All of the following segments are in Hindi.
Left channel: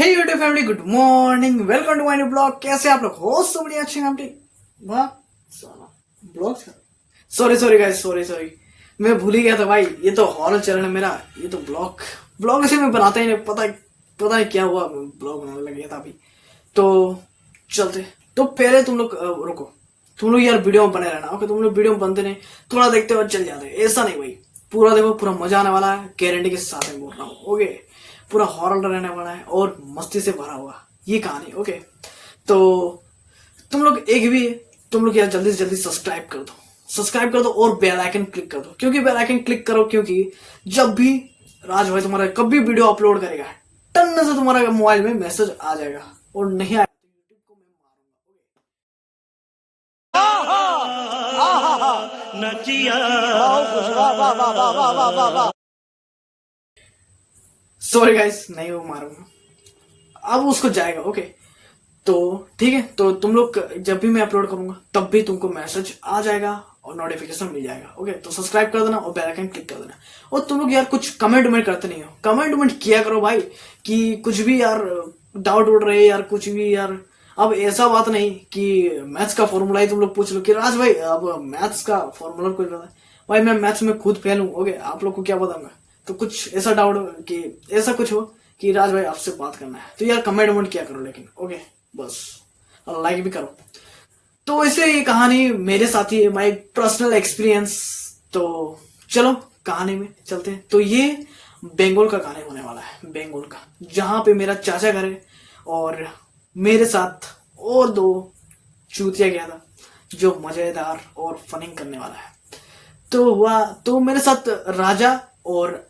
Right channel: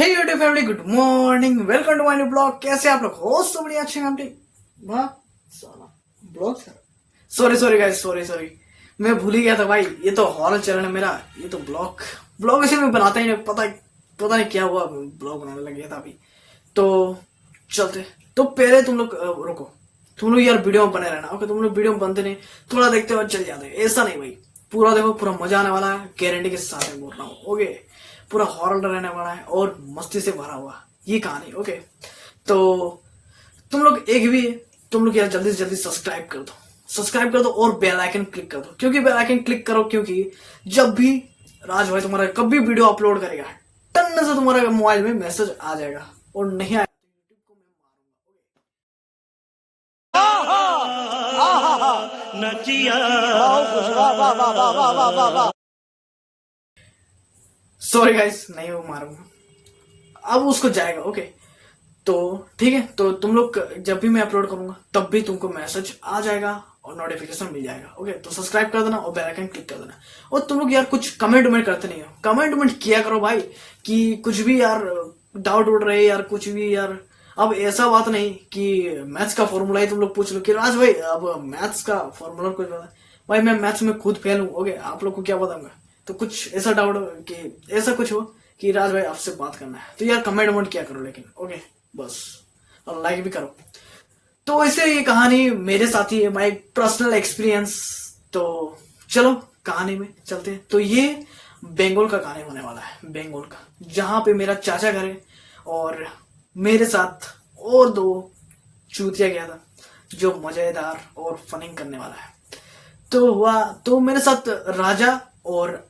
Hey YouTube family, good morning, welcome to my new blog. कैसे आप लोग हो? सब बढ़िया, अच्छे फैमिली। वाह साला blog sorry sorry guys, sorry मैं भूल ही गया था भाई। ये तो हॉरर चैनल है मेरा, ये तो ब्लॉग ब्लॉग ऐसे मैं बनाता ही नहीं। पता नहीं क्या हुआ, ब्लॉग बनाने लग गया था अभी। तो चलते, तो पहले तुम लोग रुको, तुम लोग यार वीडियो में बने रहना। ओके, तुम लोग वीडियो में बनते नहीं, थोड़ा देखते और चल जाते, ऐसा नहीं भाई। पूरा देखो, पूरा मजा आने वाला है, गारंटी के साथ में बोल रहा हूँ। ओके, पूरा हॉरर रहने वाला है और मस्ती से भरा हुआ ये कहानी। ओके, तो तुम लोग एक भी, तुम लोग यार जल्दी से जल्दी सब्सक्राइब कर दो और बेल आइकन क्लिक कर दो। क्योंकि बेल आइकन क्लिक करो, क्योंकि जब भी राज भाई तुम्हारा कभी वीडियो अपलोड करेगा, टन से तुम्हारे मोबाइल में मैसेज आ जाएगा, और नहीं आएगा सॉरी गाइस, नहीं वो मारूंगा, अब उसको जाएगा। ओके, तो ठीक है, तो तुम लोग जब भी मैं अपलोड करूंगा तब भी तुमको मैसेज आ जाएगा और नोटिफिकेशन मिल जाएगा। ओके, तो सब्सक्राइब कर देना और बेल आइकन क्लिक कर देना। और तुम लोग यार कुछ कमेंट वमेंट करते नहीं हो, कमेंट किया करो भाई, कि कुछ भी यार डाउट उठ रहे यार, कुछ भी यार। अब ऐसा बात नहीं कि मैथ्स का फॉर्मूला ही तुम लोग पूछ लो कि राज भाई अब मैथ्स का फॉर्मूला कुछ बता। भाई मैं मैथ्स में खुद फेल हूँ। ओके, आप लोग को क्या बताऊंगा। तो कुछ ऐसा डाउट कि ऐसा कुछ हो कि राज भाई आपसे बात करना है, तो यार कमेंट वमेंट किया करो। लेकिन ओके, बस, और लाइक भी करो। तो ऐसे ये कहानी मेरे साथ ही है, माई पर्सनल एक्सपीरियंस। तो चलो कहानी में चलते हैं। तो ये बंगाल का कहानी होने वाला है, बंगाल का, जहां पे मेरा चाचा घर है और मेरे साथ और दो चूतिया गया था जो मजेदार और फनिंग करने वाला है। तो हुआ, तो मेरे साथ राजा और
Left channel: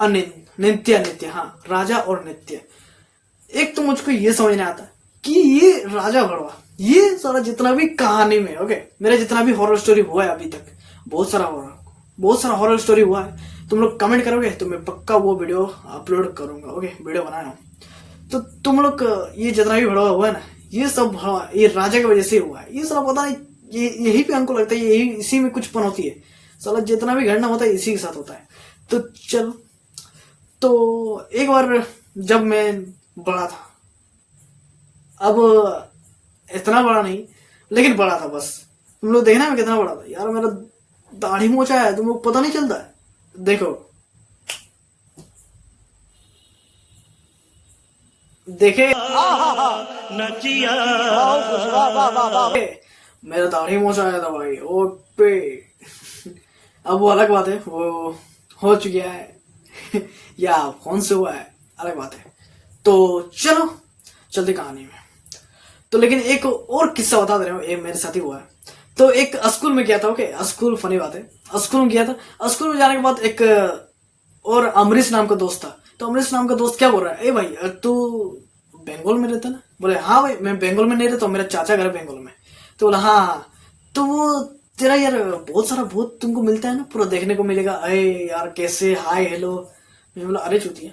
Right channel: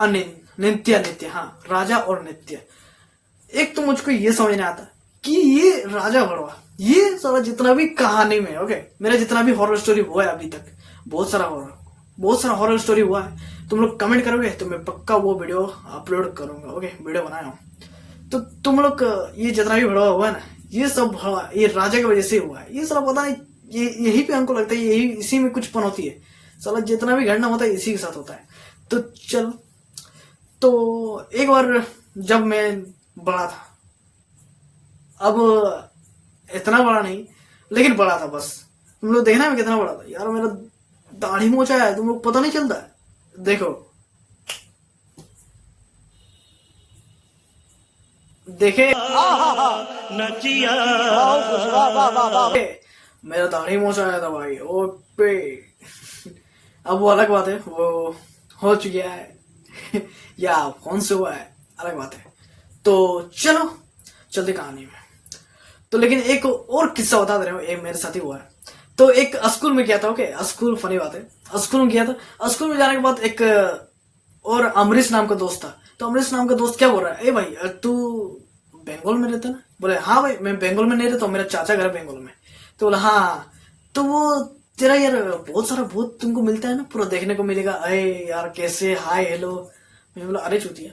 नित्य, हाँ, राजा और नित्य। एक तो मुझको ये समझ नहीं आता कि ये राजा भड़वा, ये सारा जितना भी कहानी में, ओके, मेरा जितना भी हॉरर स्टोरी हुआ है अभी तक, बहुत सारा हॉरर स्टोरी हुआ है। तुम लोग कमेंट करोगे तो मैं पक्का वो वीडियो अपलोड करूंगा। ओके, वीडियो बनाया हूँ। तो तुम लोग ये जितना भी भड़वा हुआ है ना, ये सब भड़वा ये राजा की वजह से हुआ है। ये सारा पता नहीं, ये यही पे हमको लगता है यही, इसी में कुछ पन होती है। साला जितना भी घटना होता है इसी के साथ होता है। तो चलो, तो एक बार जब मैं बड़ा था, अब इतना बड़ा नहीं लेकिन बड़ा था, बस। तुम लोग देखना मैं कितना बड़ा था यार, मेरा दाढ़ी मोचा है, तुम लोग पता नहीं चलता है। देखो देखे मेरा दाढ़ी मोचा आया था भाई, ओ पे। अब वो अलग बात है, वो हो चुका है या फोन से हुआ है, अलग बात है। तो चलो चलते कहानी में। तो लेकिन एक और किस्सा बता दे रहा हूँ, ये मेरे साथ ही हुआ है। तो एक स्कूल में गया था। ओके, स्कूल, फनी बात है, स्कूल में गया था। स्कूल में जाने के बाद एक और अमरीश नाम का दोस्त था। तो अमरीश नाम का दोस्त क्या बोल रहा है, ए भाई तू बंगाल में रहता ना? बोले हाँ भाई, मैं बंगाल में नहीं रहता, मेरा चाचा घर बंगाल में। तो बोला हाँ, तो वो तेरा यार बहुत सारा भूत तुमको मिलता है ना, पूरा देखने को मिलेगा। अरे यार कैसे, हाय हेलो। मैं बोला अरे चूतिया,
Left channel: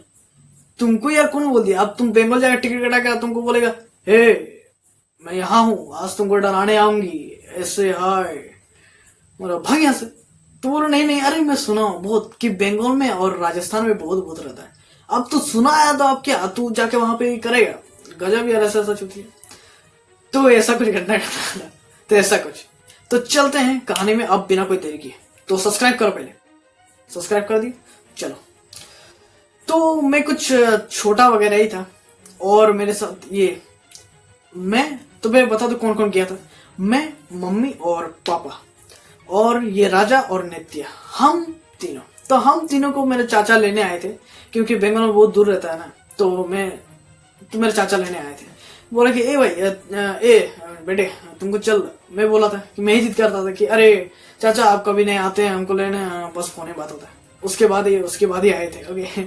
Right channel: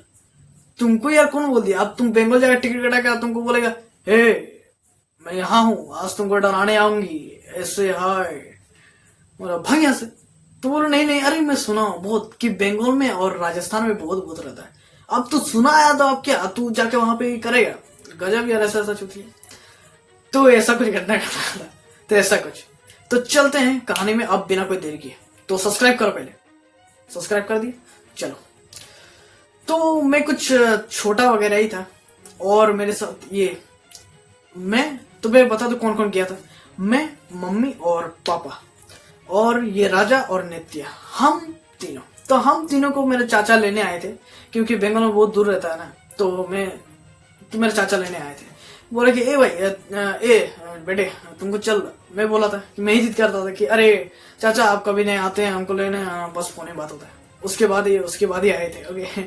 तुमको यार कौन बोल दिया? अब तुम बंगाल जाकर टिकट कटा के तुमको बोलेगा हे मैं यहाँ हूँ, आज तुमको डराने आऊंगी, ऐसे हाय, बोला भाग यहाँ से। तो बोला नहीं नहीं, अरे मैं सुना हूँ बहुत कि बंगाल में और राजस्थान में बहुत भूत रहता है। अब तो सुना आया तो अब क्या, तू जाके वहां पे करेगा? गजब यार, ऐसा चुकी है। तो ऐसा कुछ घटना घटा, तो ऐसा कुछ। तो चलते हैं कहानी में अब बिना कोई देरी किए। तो सब्सक्राइब करो, पहले सब्सक्राइब कर दिए। चलो, तो मैं कुछ छोटा वगैरह ही था और मेरे साथ ये, मैं तुम्हें बता दो कौन कौन गया था। मैं, मम्मी और पापा और ये राजा और नित्य, हम तीनों। तो हम तीनों को मेरे चाचा लेने आए थे, क्योंकि बंगाल में बहुत दूर रहता है ना। तो मेरे चाचा लेने आए थे। बोला कि ए भाई, ए बेटे तुमको चल। मैं बोला था कि मैं ही जिद करता था कि अरे चाचा आप कभी नहीं आते हैं हमको लेने, बस फोन बात होता है। उसके बाद ही आए थे। ओके,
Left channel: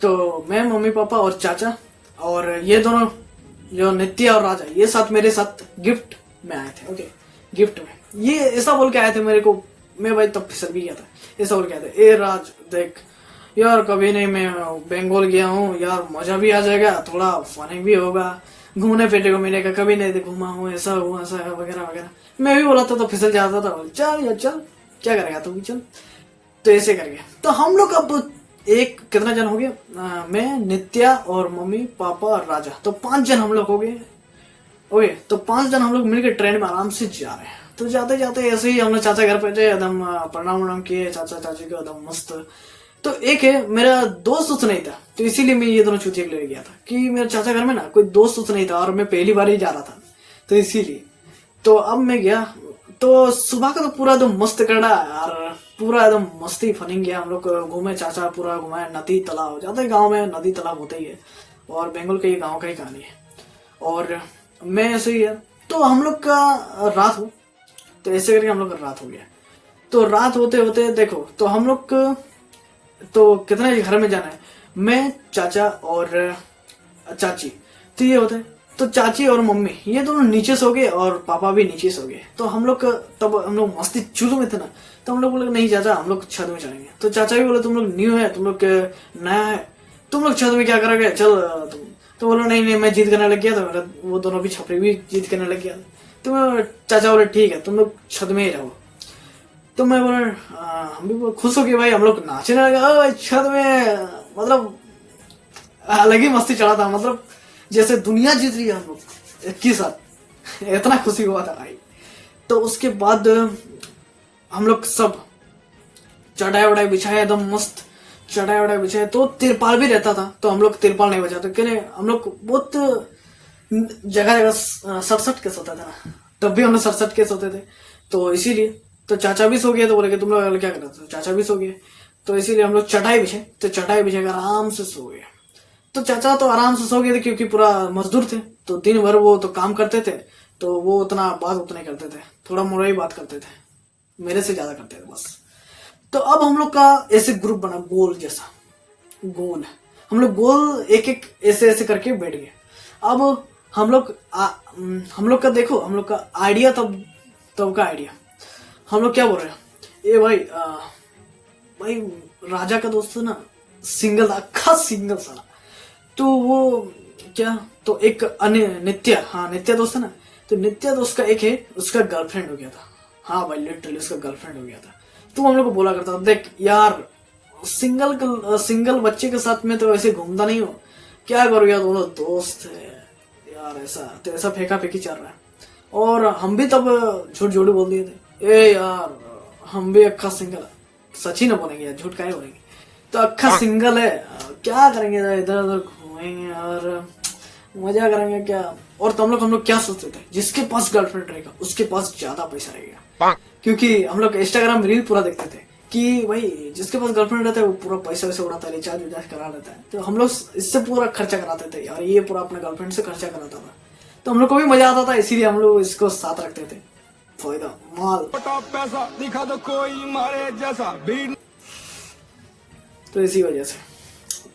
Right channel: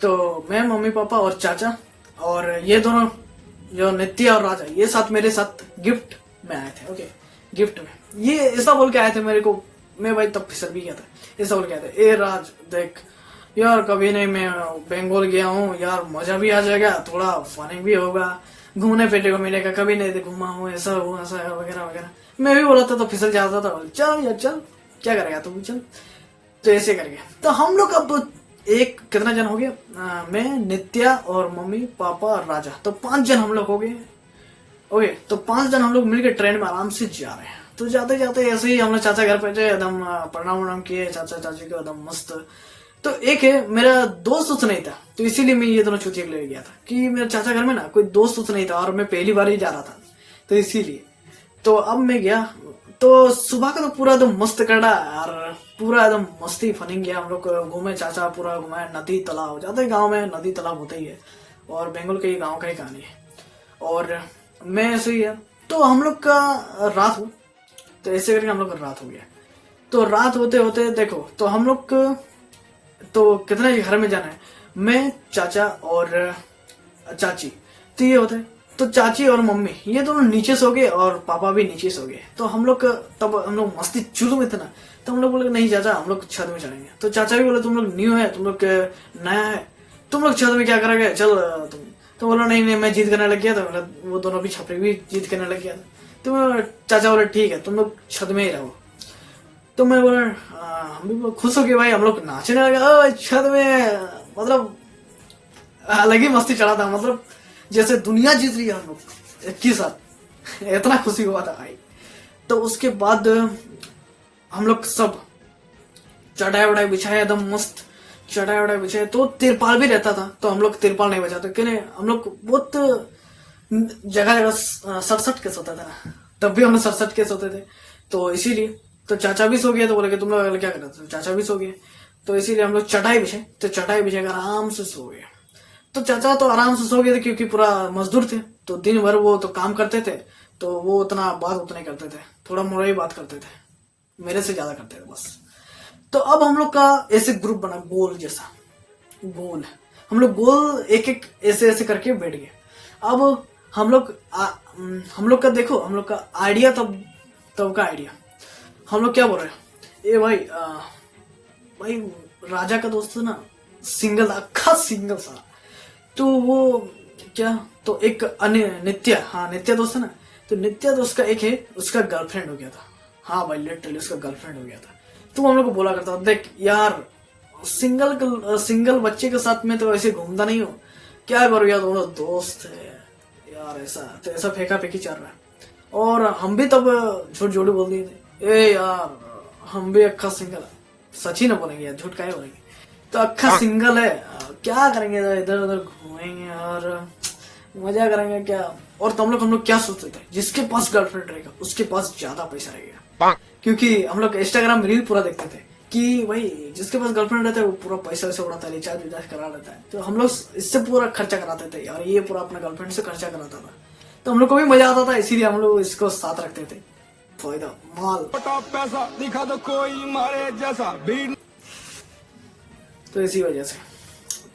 तो मैं, मम्मी पापा और चाचा और ये दोनों जो नित्य और राजा, ये साथ मेरे साथ गिफ्ट में आए थे। ओके, गिफ्ट में ये ऐसा बोल के आए थे मेरे को, मैं भाई तब फिसल भी गया था। ऐसा बोल के आए थे, ए राज देख यार, कभी नहीं, मैं बंगाल गया हूँ यार, मजा भी आ जाएगा, थोड़ा फनिंग भी होगा, घूमने फिरने को मिलेगा, कभी नहीं घूमा हूँ, ऐसा वगैरह वगैरह। मैं भी बोला था तो फिसल जाता था। चल यार चल, क्या करेगा तुम, चल। तो ऐसे करके तो हम लोग अब एक कितना जन हो गया, मैं, नित्या और मम्मी पापा और राजा, तो 5 जन हम लोग हो गए। ओके, तो 5 जन हम लोग मिलकर ट्रेन में आराम से जा रहे हैं। तो जाते जाते ऐसे ही हम लोग चाचा घर पे थे, एकदम प्रणाम वणाम किए चाचा चाची को, एकदम मस्त। तो एक है मेरा दोस्त उस नहीं था, तो इसीलिए मैं ये दोनों चूतिया ले गया था कि मेरे चाचा घर में ना कोई दोस्त उस नहीं था और मैं पहली बार ही जा रहा था, तो इसीलिए। तो अब मैं गया, तो सुबह का तो पूरा एकदम मस्त कड़ा और पूरा एकदम मस्ती फनिंग गया। हम लोग घूमे, चाचा पूरा घुमाया, नदी तालाब, जाते हैं गाँव में नदी तालाब होता ही है, और बंगाल के ये गाँव का ही कहानी है। और मैं ऐसे ही है, तो हम लोग का रात हो, तो ऐसे करके हम लोग का रात हो गया। तो रात होते होते देखो, तो हम लोग तो कितना ही घर में जाना है, मैं, चाचा और चाची, तो ये होते हैं। तो चाची और मम्मी ये दोनों नीचे सो गए और पापा भी नीचे सो गए। तो हम लोग तब हम लोग मस्ती चुलू में थे ना, तो हम लोग बोले नहीं चाचा हम लोग छत में चलेंगे। तो चाचा भी बोले तुम लोग न्यू है, तुम लोग नया है, तुम लोग छत में क्या करोगे, चल तुम। तो बोलो नहीं नहीं मैं जीत करने लग गया, तो वो दोनों भी छपरी भी जीत करने लग गया। तो चाचा बोले ठीक है तुम लोग छत में ही रहो। तो मैं बोला हम भी खुश हो गए भाई, हम लोग नाचने लगे छत में, मतलब अलग ही मस्ती चढ़ा था, मतलब जैसे दुनिया जीत रही है हम लोग एक ही साथ, इतना खुशी हुआ था भाई। तो उसके बाद हम लोग सब चढ़ाई वढ़ाई बिछाए, एकदम मस्त चढ़ाई वढ़ाई बिछाए। तो तिरपाल भी रहता था, तो हम लोग तिरपाल नहीं बचाते, क्योंकि हम लोग बहुत जगह जगह सड़सठ के सोते थे ना, तब भी हम लोग सड़सठ के सोते थे, तो इसीलिए। तो चाचा भी सो गए, तो बोले कि तुम लोग क्या कर रहे थे, चाचा भी सो गए, तो इसीलिए हम लोग चटाई बिछाए। तो चटाई बिछाकर आराम से सो गए। तो चाचा तो आराम से सो गए थे क्योंकि पूरा मजदूर थे, तो दिन भर वो तो काम करते थे, तो वो उतना बात उतने करते थे, थोड़ा मोड़ा ही बात करते थे, मेरे से ज्यादा करते थे बस। तो अब हम लोग का ऐसे ग्रुप बना, गोल जैसा गोल, हम लोग गोल एक एक ऐसे ऐसे करके बैठ गए। अब हम लोग का देखो, हम लोग का आइडिया तब का आइडिया, हम लोग क्या बोल रहे हैं, ए भाई भाई राजा का दोस्त ना सिंगल, अक्खा सिंगल साला। तो वो क्या, तो एक अन्य नित्या, हाँ नित्या दोस्त है ना, तो नित्या दोस्त का एक है, उसका गर्लफ्रेंड हो गया था। हाँ भाई लिटरली उसका गर्लफ्रेंड हो गया था। तो हम लोग को बोला करता देख यार, सिंगल बच्चे के साथ में तो ऐसे घूमता नहीं हो, क्या करो यार, दोनों दोस्त है यार, ऐसा तो ऐसा फेंका फेंकी चल रहा है। और हम भी तब झूठ झूठ बोल दिए थे, ए यार हम भी अक्खा सिंगल, सच ही ना बोलेंगे यार, झूठ काहे बोलेंगे, तो अक्खा सिंगल है, क्या करेंगे इधर उधर घूमेंगे और मजा करेंगे क्या। और तो हम लोग क्या सोचते थे, जिसके पास गर्लफ्रेंड रहेगा उसके पास ज्यादा पैसा रहेगा, क्योंकि हम लोग इंस्टाग्राम रील पूरा देखते थे कि भाई जिसके पास गर्लफ्रेंड रहता है वो पूरा पैसा वैसा उड़ाता है, रिचार्ज विचार्ज करा देता है। तो हम लोग इससे पूरा खर्चा कराते थे यार, ये पूरा अपने गर्लफ्रेंड से खर्चा कराता था, तो हम लोग को भी मजा आता था, इसीलिए हम लोग इसको साथ रखते थे। फायदा माल पैसा दिखा दो कोई मारे जैसा भीड़, तो इसी वजह से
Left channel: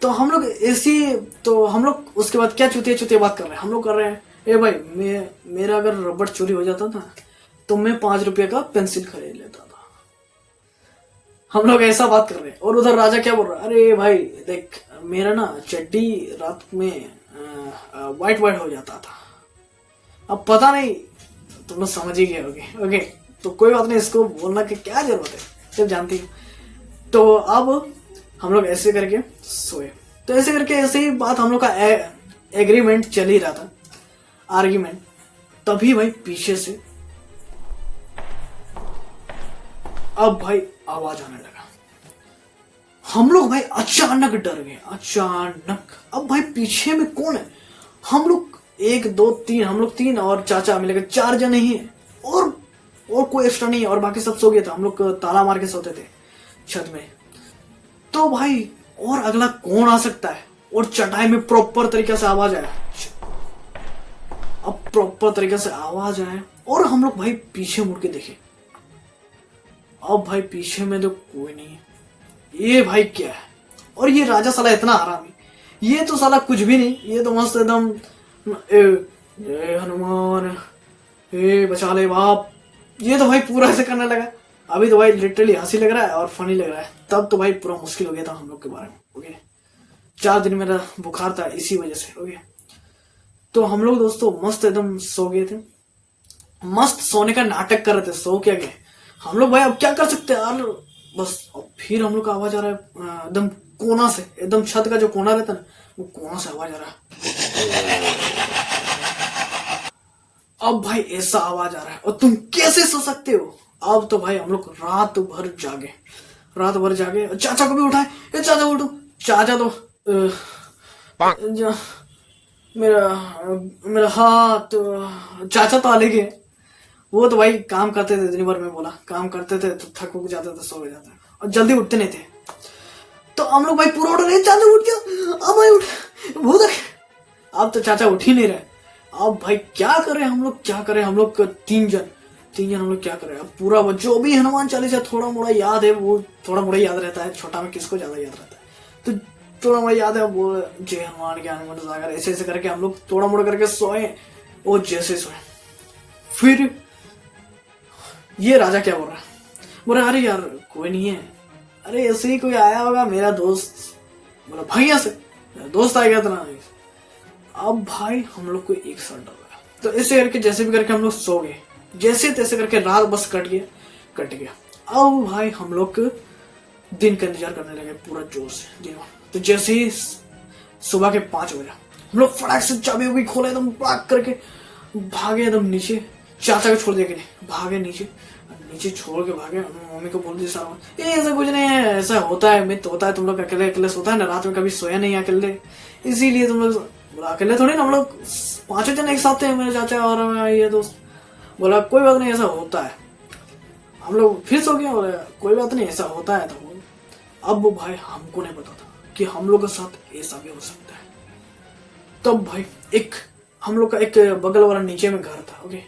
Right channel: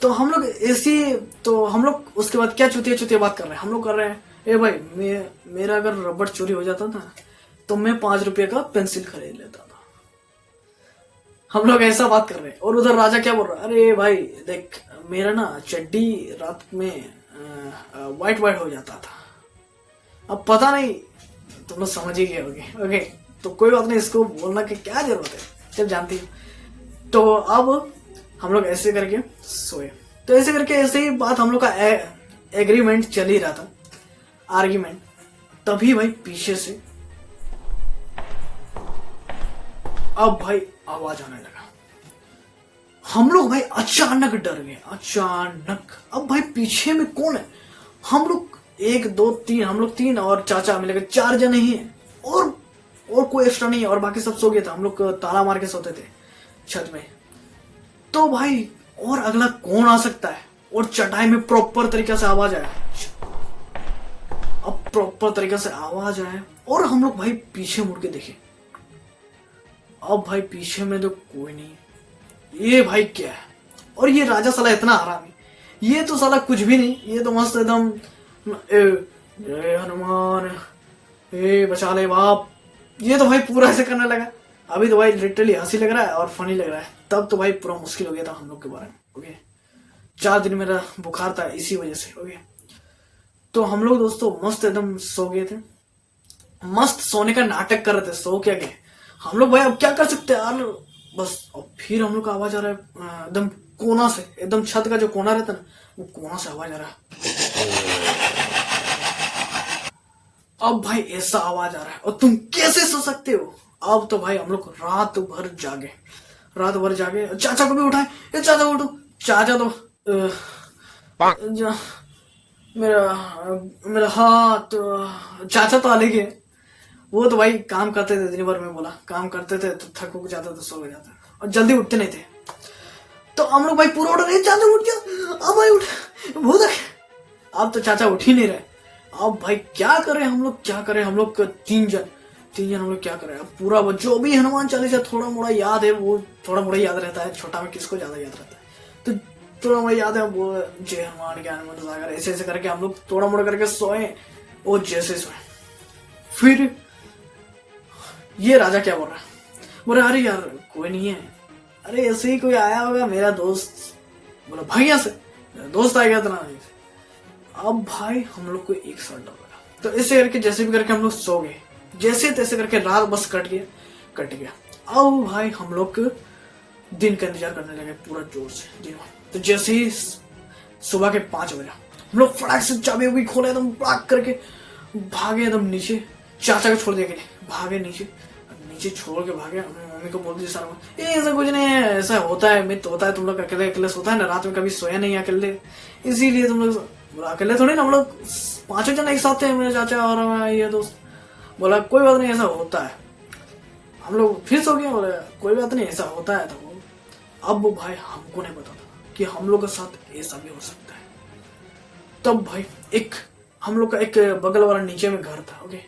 तो हम लोग ऐसी, तो हम लोग उसके बाद क्या चुतिया चुतिया बात कर रहे हैं, हम लोग कर रहे हैं, ए भाई मेरा अगर रबड़ चोरी हो जाता था तो मैं 5 रुपए का पेंसिल खरीद लेता था। हम लोग ऐसा बात कर रहे हैं, और उधर राजा क्या बोल रहा है, अरे भाई देख मेरा ना चड्डी रात में वाइट वाइट हो जाता था, अब पता नहीं तुम लोग समझ ही गए होगे। ओके, तो कोई बात नहीं, इसको बोलना की क्या जरूरत है, जब जानती है। तो अब हम लोग ऐसे करके सोए, तो ऐसे करके ऐसे ही बात हम लोग का एग्रीमेंट चल ही रहा था, आर्ग्यूमेंट। तभी भाई पीछे से अब भाई आवाज आने लगा, हम लोग भाई अचानक डर गए, अचानक। अब भाई पीछे में कौन है, हम लोग 1 2 3, हम लोग 3 और चाचा मिलेगा 4 जने ही है, और कोई एक्स्ट्रा नहीं है, और बाकी सब सो गए थे, हम लोग ताला मार के सोते थे छत में। तो भाई और अगला कौन आ सकता है, और चटाई में प्रॉपर तरीके से आवाज आया, अब प्रॉपर तरीके से आवाज आया, और हम लोग भाई पीछे मुड़ के देखे, अब भाई पीछे में तो कोई नहीं है, ये भाई क्या है, और ये राजा साला इतना हरामी, ये तो साला कुछ भी नहीं, ये तो मस्त एकदम ए हनुमान ए बचा ले बाप, ये तो भाई पूरा ऐसे करने लगा। अभी तो भाई लिटरली हंसी लग रहा है और फनी लग रहा है, तब तो भाई पूरा मुश्किल हो गया था हम लोग के बारे में। ओके, 4 दिन मेरा बुखार था इसी वजह से। ओके, तो हम लोग दोस्तों मस्त एकदम सो गए थे, मस्त सोने का नाटक कर रहे थे, सो क्या गए हम लोग भाई, अब क्या कर सकते हैं यार, बस। अब फिर हम लोग का आवाज आ रहा है एकदम कोना से, एकदम छत का जो कोना रहता ना, वो कोना से आवाज आ रहा है। अब भाई ऐसा आवाज आ रहा है और तुम कैसे सो सकते हो। अब तो भाई हम लोग रात भर जागे, चाचा को भी उठाए, ए चाचा उठो। चाचा तो मेरा मेरा हाथ, चाचा तो अलग है, वो तो भाई काम करते थे दिन भर में, बोला काम करते थे तो थक उक जाते थे, सो जाते और जल्दी उठते नहीं थे। तो हम लोग भाई पूरा उठ रहे, चाचा उठ गया, अब भाई उठ वो देख। अब तो चाचा उठ ही नहीं रहे। अब भाई क्या करें हम लोग तीन जन हम लोग क्या करें। अब पूरा वो जो भी हनुमान चालीसा थोड़ा मोड़ा याद है, वो थोड़ा मोड़ा याद रहता है, छोटा में किसको ज्यादा याद रहता है, तो थोड़ा मोड़ा याद है वो जय हनुमान ज्ञान मंत्र सागर ऐसे ऐसे करके हम लोग थोड़ा मोड़ा करके सोए। और जैसे सोए फिर ये राजा क्या बोल रहा है, बोल रहा अरे यार कोई नहीं है, अरे ऐसे ही कोई आया होगा मेरा दोस्त, मतलब भैया से मेरा दोस्त आ गया था ना। अब भाई हम लोग को एक साथ डाला, तो ऐसे करके जैसे भी करके हम लोग सो गए, जैसे तैसे करके रात बस कट गया। अब भाई हम लोग दिन का इंतजार करने लगे पूरा जोर से दिन। तो जैसे ही सुबह के 5 बजे हम लोग फटाक से चाबी उबी खोले, एकदम फटाक करके भागे एकदम नीचे, चाचा को छोड़ दिया कि नहीं, भागे नीचे छोड़ के भागे। मम्मी को बोल दी सारा, ये ऐसा कुछ नहीं है, ऐसा होता है, मित होता है, तुम लोग अकेले सोता है ना, रात में कभी सोया नहीं अकेले, इसीलिए तुम लोग। बोला अकेले थोड़ी ना, हम लोग 5 जन एक साथ थे, मेरे चाचा और ये दोस्त। बोला कोई बात नहीं, ऐसा होता है। हम लोग फिर सो गए, बोला कोई बात नहीं, ऐसा होता है। तो अब भाई हमको नहीं पता था कि हम लोग के साथ ऐसा भी हो सकता है। तब भाई हम लोग का एक बगल वाला नीचे में घर था, ओके,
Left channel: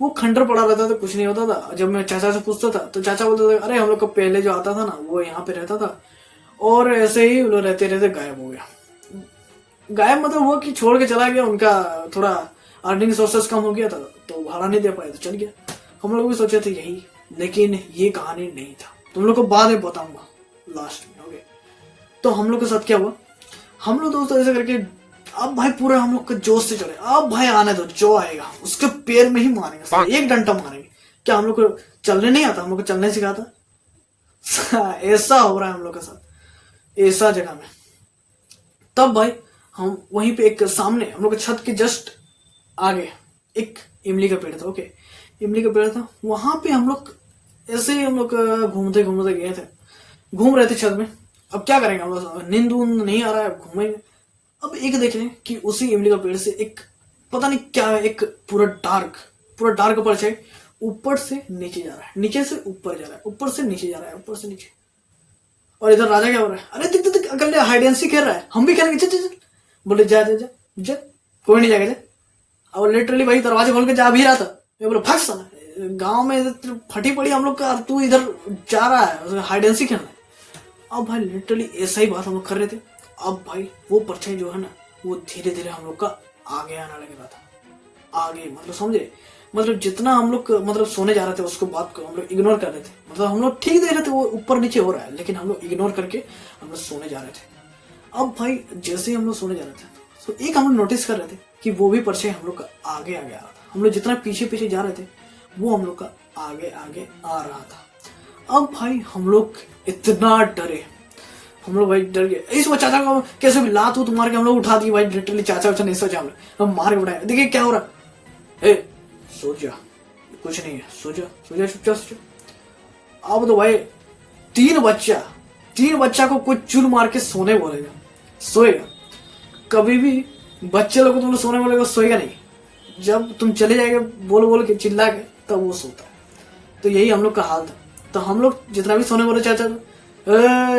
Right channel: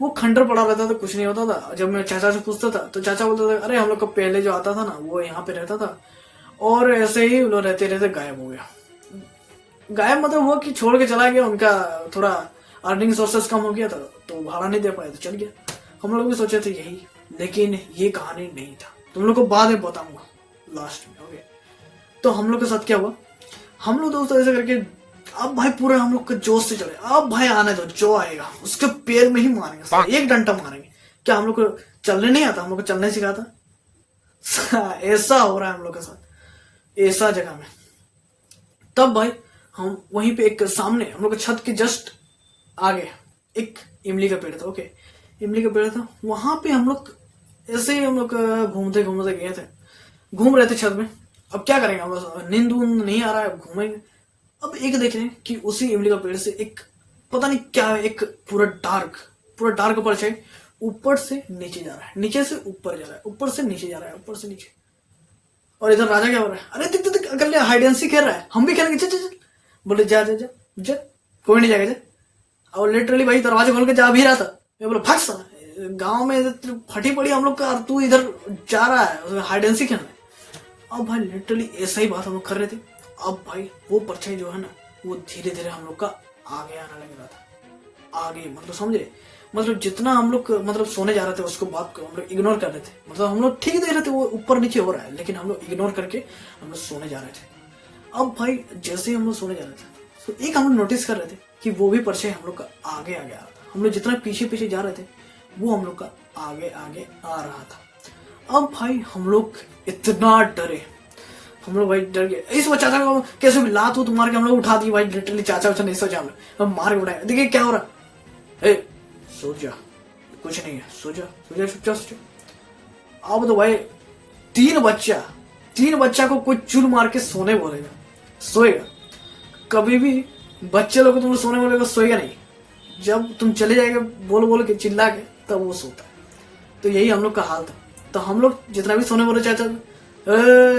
वो खंडर पड़ा रहता था, कुछ नहीं होता था। जब मैं चाचा से पूछता था तो चाचा बोलता था अरे हम लोग का पहले जो आता था ना वो यहाँ पे रहता था, और ऐसे ही लोग रहते रहते गायब हो गया। गायब मतलब वो कि छोड़ के चला गया, उनका थोड़ा अर्निंग सोर्सेस कम हो गया था, तो भाड़ा नहीं दे पाया तो चल गया। हम लोग भी सोचे थे यही, लेकिन ये कहानी नहीं था, तुम लोग को बाद में बताऊंगा लास्ट में, ओके। तो हम लोग के साथ क्या हुआ, हम लोग दोस्तों ऐसे करके अब भाई पूरे हम लोग के जोश से चले, अब भाई आने दो, जो आएगा उसके पैर में ही मारेंगे, एक डंडा मारेंगे। क्या हम लोग को चलने नहीं आता, हम लोग को चलने सिखाता। ऐसा हो रहा है हम लोग के साथ ऐसा जगह में। तब भाई हम वहीं पे एक सामने हम लोग के छत के जस्ट आगे एक इमली का पेड़ था, ओके, इमली का पेड़ था, वहां पे हम लोग ऐसे ही हम लोग घूमते घूमते गए थे, घूम रहे थे छत में। अब क्या करेंगे हम लोग, नींद नहीं आ रहा है, घूमेंगे। अब एक देख रहे हैं कि उसी इमली का पेड़ से एक पता नहीं क्या है, एक पूरा डार्क परछाई ऊपर से नीचे जा रहा है, नीचे से ऊपर जा रहा है, ऊपर से नीचे जा रहा है, ऊपर से नीचे। और इधर राजा क्या बोल रहा है, अरे देख देख अकल हाइड एंड सीक खेल रहा है, हम भी खेलेंगे, चल चल चल। बोले जा जा जा जा, कोई नहीं जाएगा जा। और लिटरली भाई दरवाजा खोल के जा भी रहा था, मैं बोला भाग साला, गाँव में फटी पड़ी हम लोग का, तू इधर जा रहा है हाइड एंड सीक खेलना। अब भाई लिटरली ऐसा ही बात हम लोग कर रहे थे। अब भाई वो परछाई जो है ना वो धीरे धीरे हम लोग का आगे आने लग रहा था, आगे मतलब समझे, मतलब जितना हम लोग मतलब सोने जा रहे थे उसको बात को हम लोग इग्नोर कर रहे थे, मतलब हम लोग ठीक देख रहे थे वो ऊपर नीचे हो रहा है, लेकिन हम लोग इग्नोर करके हम लोग सोने जा रहे थे। अब भाई जैसे ही हम लोग सोने जा रहे थे तो एक हम लोग नोटिस कर रहे थे कि वो भी परछाई हम लोग का आगे आ गया था, हम लोग जितना पीछे पीछे जा रहे थे वो हम लोग का आगे आगे आ रहा था। अब भाई हम लोग इतना डरे, हम लोग भाई डर गए, इस चाचा को कैसे भी लात मार के हम लोग उठा दी भाई, लिटरली चाचा नहीं सोचा, हम मार के उठाए। देखिए क्या हो रहा है, सो जा, कुछ नहीं है, सो जा सोचा। अब तो भाई तीन बच्चा को कोई चुल मार के सोने बोलेगा, सोएगा कभी भी बच्चे लोग तुम सोने बोलेगा सोएगा नहीं, जब तुम चले जाएगा बोल के चिल्ला के तब वो सोता है। तो यही हम लोग का हाल था। तो हम लोग जितना भी सोने बोले चाचा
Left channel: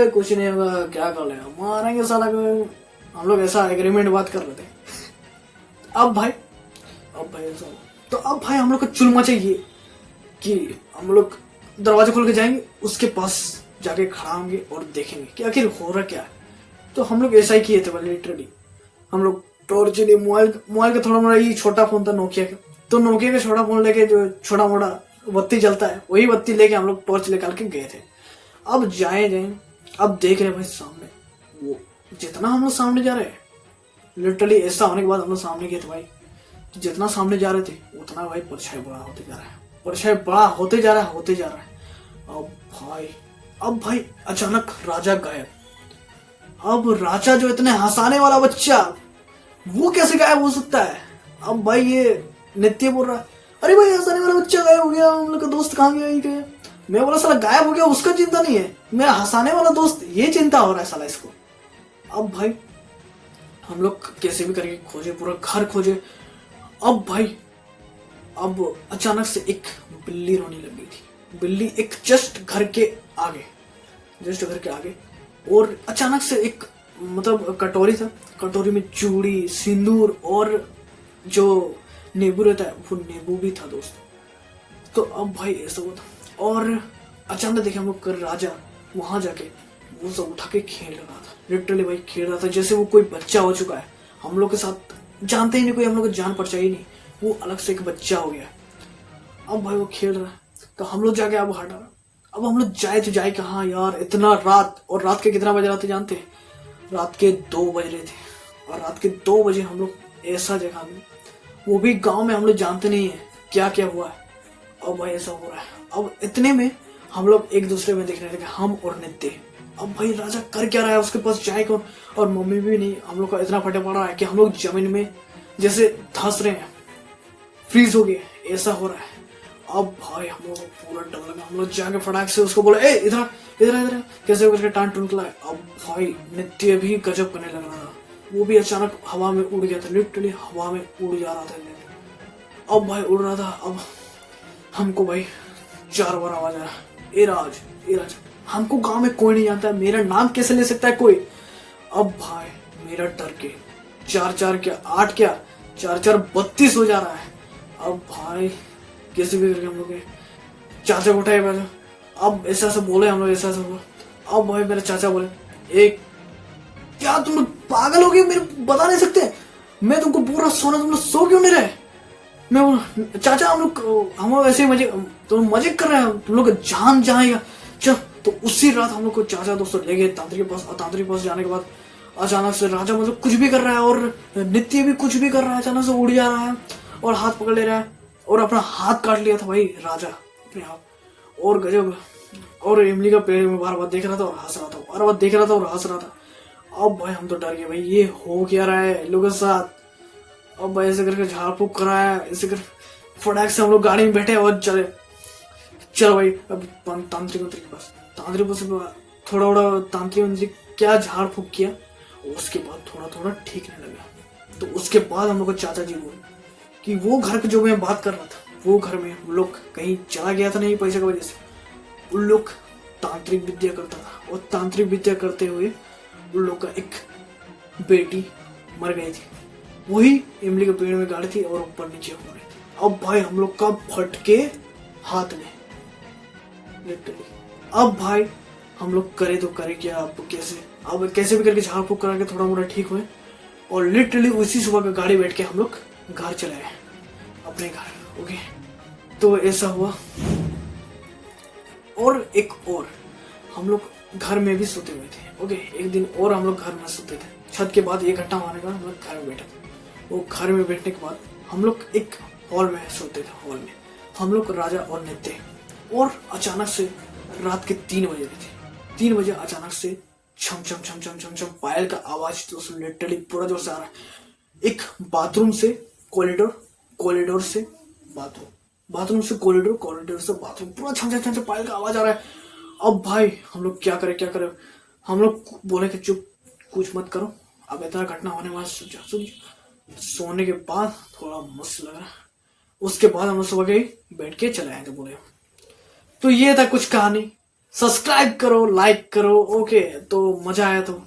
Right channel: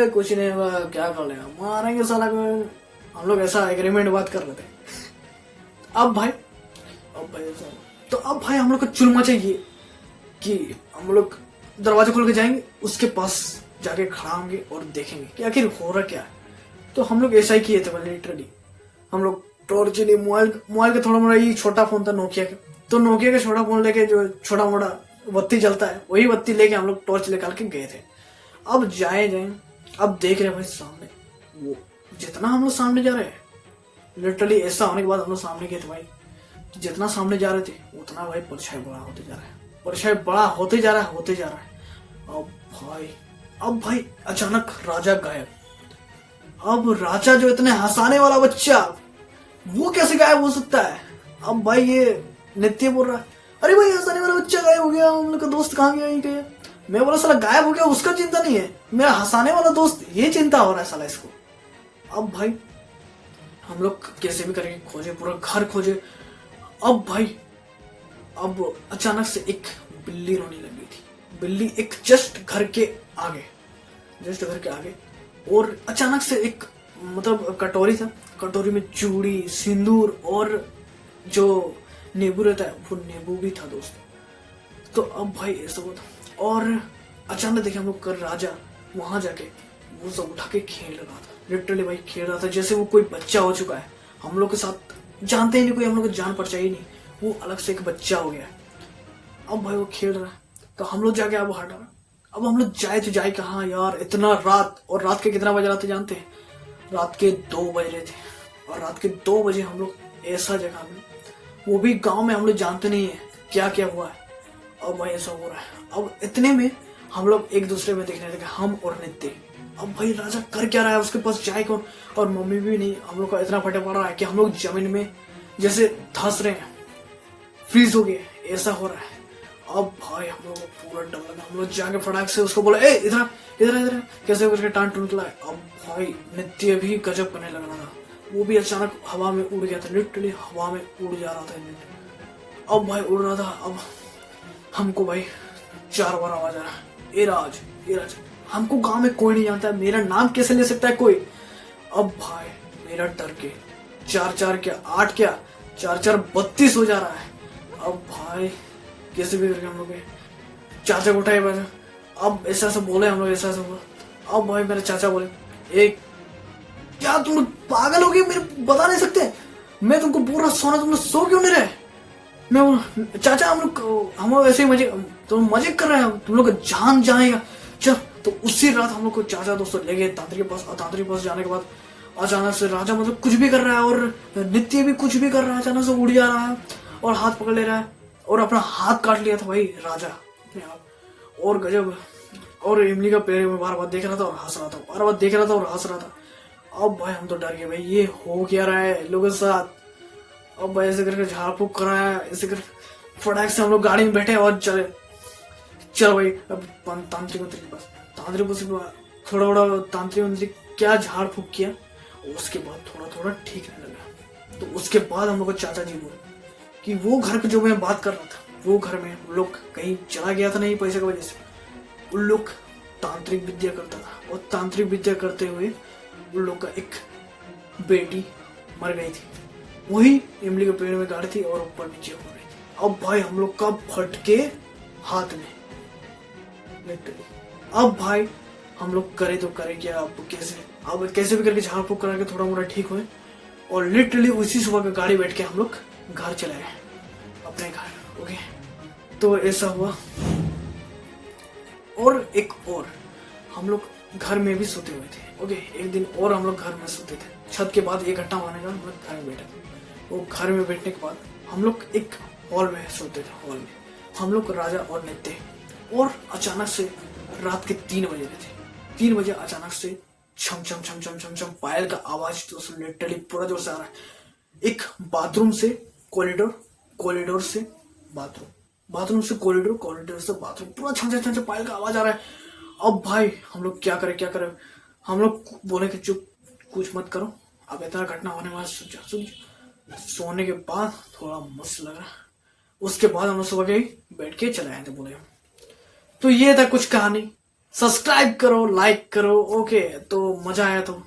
कुछ नहीं हुआ, क्या कर ले मारेंगे साला को, हम लोग ऐसा एग्रीमेंट बात कर रहे थे। अब भाई तो अब भाई हम लोग को चुलमा चाहिए कि हम लोग दरवाजा खोल के जाएंगे, उसके पास जाके खड़ा होंगे और देखेंगे कि आखिर हो रहा क्या। तो हम लोग ऐसा ही किए थे लिटरली, हम लोग टॉर्च लिए, मोबाइल का थोड़ा मोड़ा ये छोटा फोन था नोकिया का, तो नोकिया का छोटा फोन लेके जो छोटा मोटा बत्ती जलता है वही बत्ती लेके हम लोग टॉर्च निकाल के गए थे। अब जाए अब देख रहे भाई सामने, वो जितना हम लोग सामने जा रहे हैं लिटरली ऐसा होने के बाद हम लोग सामने गए थे भाई, तो जितना सामने जा रहे थे उतना भाई परछाई बड़ा होते जा रहा है, परछाई बड़ा होते जा रहा है। अब भाई अचानक राजा गायब, अब राजा जो इतने हंसाने वाला बच्चा, वो कैसे गायब हो सकता है? अब भाई ये नित्य बोल रहा, अरे भाई हंसाने वाला बच्चा गायब हो गया, हम लोग का दोस्त कहाँ गया? ही गया। मैं बोला साला गायब हो गया उसका चिंता नहीं है, मेरा हंसाने वाला दोस्त ये चिंता हो रहा है साला इसको। अब भाई हम लोग कैसे भी करके खोजे, पूरा घर खोजे। अब भाई अब अचानक से एक बिल्ली रोने लगी थी। बिल्ली एक जस्ट घर के आगे, और अचानक से एक मतलब कटोरी था, कटोरी में चूड़ी, सिंदूर और जो नींबू रहता है वो नींबू भी था दोस्त। तो अब भाई ऐसा होता, और अचानक देखे हम लोग कर राजा वहां जाके वो सब उठा के खेल रहा था। लिटरली भाई खेल रहा था जैसे वो कोई बच्चा हो चुका है, हम लोग के साथ जानते ही नहीं, कोई हम लोग को जान परचाई नहीं, वो अलग से एक बच्चा हो गया है। अब भाई वो खेल रहा है तो हम लोग जाके अब हटा, अब हम लोग जाए तो जाए कहाँ यार, इतना रात, और रात के कितना बज रहा था जानते हैं? रात के 2 बज रहे थे। और रात के 2 बजे हम लोग ऐसा जगह में, वो भी गांव में, हम लोग जानते नहीं है क्या क्या हुआ है। अब भाई ऐसा हो रहा है। अब इतने में हम लोग एक दूसरे में देखने लगे, हम और नित्य। अब भाई राजा कर क्या रहा है, उसके पास जाए कौन? और मम्मी भी नहीं। हम लोग का इतना फटे पड़ा है कि हम लोग जमीन में जैसे धंस रहे हैं, फ्रीज हो गए, ऐसा हो रहा है। अब भाई हम लोग पूरा डर लगा, हम लोग जाके फटाक से उसको बोला, ए इधर इधर इधर, कैसे करके टांट टूट लाए। अब भाई नित्य भी गजब करने लग रहा था, वो भी अचानक हवा में उड़ गया था, लिटरली हवा में उड़ जा रहा था। अब भाई उड़ रहा था। अब हमको भाई 4 बार आवाज आ रहा, ए राज, ए राज। हमको गांव में कोई नहीं जानता, मेरा नाम कैसे ले सकता है कोई? अब भाई मेरा डर के 4 क्या 8 क्या 4 32 हो जा रहा है। अब भाई कैसे भी करके हम लोग चाचा को उठाए बाजा। अब ऐसा ऐसा बोले हम लोग, ऐसा ऐसा बोला। अब भाई मेरे चाचा बोले, एक क्या तुम लोग पागल हो गए, मेरे बता नहीं सकते? मैं तुमको पूरा सोना, तुम लोग सो क्यों नहीं रहे? मैं बोला चाचा हम लोग ऐसे ही मजे, तुम मजे कर रहे हैं, तुम लोग का जान जाएगा। चल, तो उसी रात हम लोग को चाचा दोस्तों ले गए तांत्रिक के पास। और तांत्रिक के पास जाने के बाद अचानक से राजा मतलब कुछ भी कर रहा है, और नित्य भी कुछ भी कर रहा है, अचानक से उड़ जा रहा है और हाथ पकड़ ले रहा है, और अपना हाथ काट लिया था भाई राजा अपने हाथ। और गजब, और इमली का पेड़ में बार बार देख रहा था और हंस रहा था, बार बार देख रहा था और हंस रहा था। अब भाई हम तो डर गए, भाई ये हो क्या रहा है लोगों के साथ। अब भाई ऐसे करके झाड़ फूक कराया, ऐसे कर फटाक से हम लोग गाड़ी में बैठे और चले। चल भाई अब तांत्रिक मंत्री के पास, तांत्रिक पास थोड़ा थोड़ा तांत्रिक मंत्री क्या झाड़ फूक किया, उसके बाद थोड़ा थोड़ा ठीक रहने लगा। तो उसके बाद हम लोग को चाचा जी बोले कि वो घर की जो मैं बात कर रहा था, वो घर में वो लोग कहीं चला गया था नहीं पैसे की वजह से, उन लोग तांत्रिक विद्या करता था, और तांत्रिक विद्या करते हुए उन लोग का एक बेटी मर गई थी, वही इमली के पेड़ में गाड़ी थी और ऊपर नीचे हो गई। अब भाई हम लोग का फटके हाथ में। अब भाई हम लोग करे तो करे क्या, अब कैसे भी करके झाड़ फूक करा के थोड़ा मोड़ा ठीक हुए, और लिटरली उसी सुबह का गाड़ी बैठ के हम लोग घर चले गए अपने घर। ओके, तो ऐसा हुआ। और एक और हम लोग घर में भी सोते हुए थे। ओके, एक दिन और हम लोग घर में सोते थे, छत के बाद 1 घंटा माने का हम लोग घर में बैठे थे। वो घर में बैठने के बाद हम लोग एक हॉल में सोते थे। हॉल में हम लोग राजा और नित्य, और अचानक से रात के 3 बजे थे। 3 बजे अचानक से छम छम छम छम छम छम पायल का आवाज तो लिटरली पूरा जोर से आ रहा है। एक बाथरूम से कॉरिडोर, कॉरिडोर से बाथरूम, बाथरूम से कॉरिडोर, कॉरिडोर से बाथरूम, पूरा छम छम छम पायल का आवाज आ रहा है। अब भाई हम लोग क्या करें क्या करें? हम लोग बोले कि चुप, कुछ मत करो, अब इतना घटना होने वाला। सोने के बाद थोड़ा मस्त लग रहा, उसके बाद हम लोग सुबह के बैठ के चले आए थे बोले। तो ये था कुछ कहानी। सब्सक्राइब करो, लाइक करो। ओके, तो मजा आया तो,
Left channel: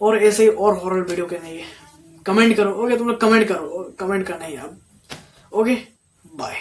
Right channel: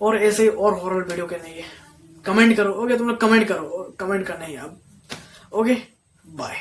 और ऐसे ही और हॉरर वीडियो के नहीं है, कमेंट करो। ओके, तुम लोग कमेंट करो, कमेंट करना ही अब। Okay, bye.